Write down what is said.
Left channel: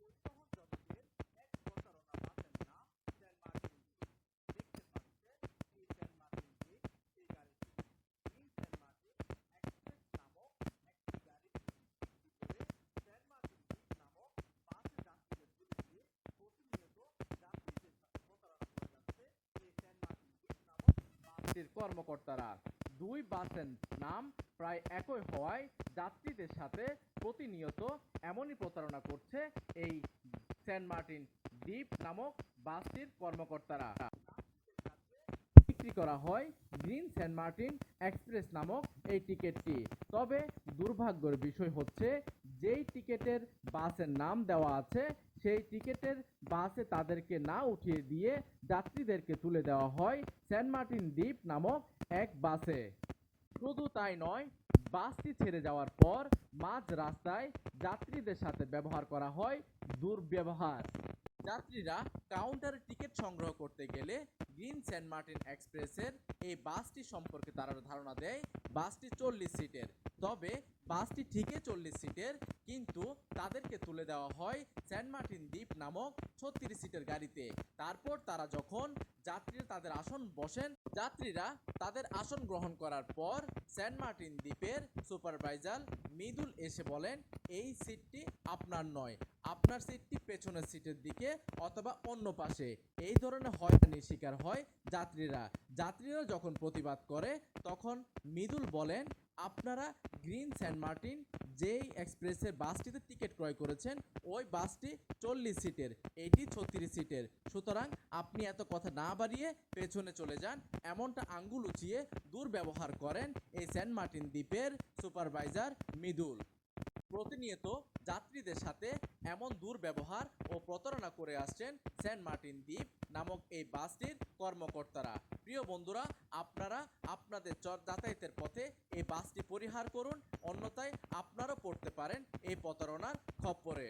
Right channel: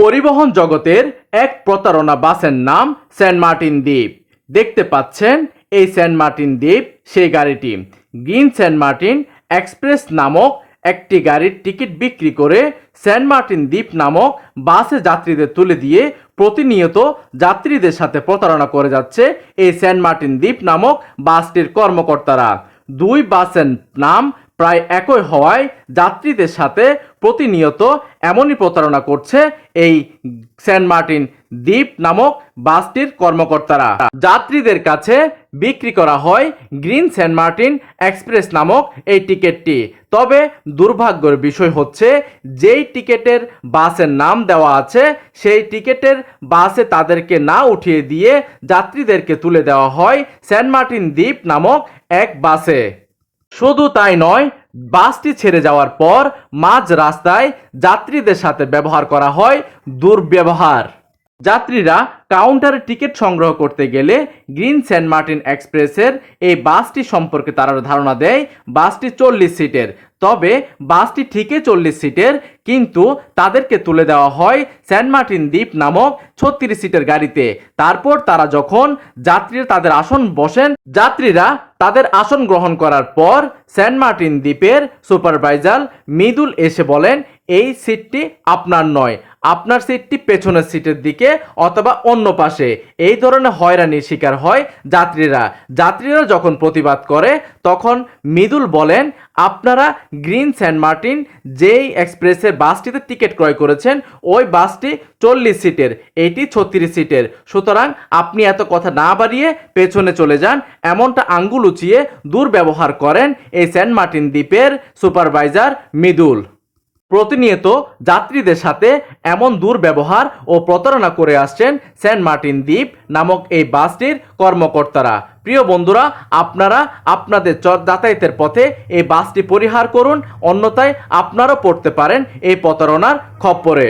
পরিবহন জগতের এক প্রতারণা বাসের নাম সেন্ট মার্টিন দ্বীপ। দেখতে পাচ্ছেন, এই সেন্ট মার্টিন দ্বীপ, সেই গাড়িটি। গ্রিন সেন্ট মার্টিন এক্সপ্রেস নামক একটি গাড়ির টিকিট বিক্রি করে সেন্ট মার্টিন দ্বীপ নামক বাসে যাত্রীদের তুলে দিয়ে প্রতিনিয়ত যাত্রীদের সাথে প্রতারণা করে যাচ্ছে এই সেন্ট মার্টিন দ্বীপ নামক বাসটির কর্মকর্তারা। দুই বাসের নাম প্রায় একই হওয়ায় যাত্রীদের সাথে প্রতিনিয়ত এমনই প্রতারণা করছে এই সেন্ট মার্টিন দ্বীপ নামক বাসটির কর্মকর্তারা। যাত্রীদের কাছে বিক্রি করা হয় গ্রিন সেন্ট মার্টিন এক্সপ্রেস নামক এই টিকিটটি। তবে দুর্ভাগ্যের বিষয় হচ্ছে, যেই টিকেটের বাসের নাম দেওয়া আছে, সেই টিকেটের বাসে তাদেরকে না উঠিয়ে দিয়ে যাত্রীদেরকে তুলে দেওয়া হয় সেন্ট মার্টিন দ্বীপ নামক এক বাসে। শুধু তাই নয়, বাসটি ছেড়ে যাওয়ার পর মাঝ রাস্তায় যাত্রীদের সাথে ব্যবহার করা হয় দুর্ব্যবহার। যাত্রীরা কাউন্টারে টিকিট সংগ্রহ করতে গেলে গ্রিন সেন্ট মার্টিন এক্সপ্রেসের এই বাসটি সম্পর্কে তারা ধারণা দেয়, বাসটি চল্লিশ সিটের। তবে বাসটি ঠিকই চল্লিশ সিটের, কিন্তু তাদেরকে তুলে দেওয়া হয় সেন্ট মার্টিন দ্বীপ নামক ছত্রিশ সিটের গাড়িতে। তারপর তারা যখন যাত্রীরা তাদের আসন বসেন, যাত্রীরা তাদের আসন গ্রহণ করার পর সেন্ট মার্টিন দ্বীপের সুপারভাইজার মৃদুল এসে বলেন, এই সিটটি আপনার নয়। আপনার সিটটি পেছনের সিটের দিকে অথবা অন্য পাশে। এই ধরনের হয়রানির শিকার হয় যাত্রীরা। যাত্রীরা যখন প্রতিবাদ করে, তখন মৃদুল বলেন, আপনারা গ্রিন সেন্ট মার্টিন যেই এক্সপ্রেসের বাসটিতে টিকিট ক্রয় করেছেন, ওই বাসটি চল্লিশ সিটের, এটি ছত্রিশ সিটের। সুতরাং আপনি এত কথা না বাড়িয়ে পেছনে চলে যান। এমনটা আঙ্গুল উঁচিয়ে দুর্ব্যবহার করেন এই সেন্ট মার্টিন দ্বীপের সুপারভাইজার মৃদুল। প্রতিনিয়ত যাত্রীদের সাথে এমন দুর্ব্যবহার ও প্রতারণা করে আসছেন সেন্ট মার্টিন দ্বীপ নামক এই বাসটির কর্মকর্তারা। প্রিয় বন্ধুরা, আপনারা আপনাদের যাতায়াতের পথে এই বাসটি পরিহার করুন, অন্যথায় আপনারাও পড়তে পারেন এই প্রতারণার খপ্পরে।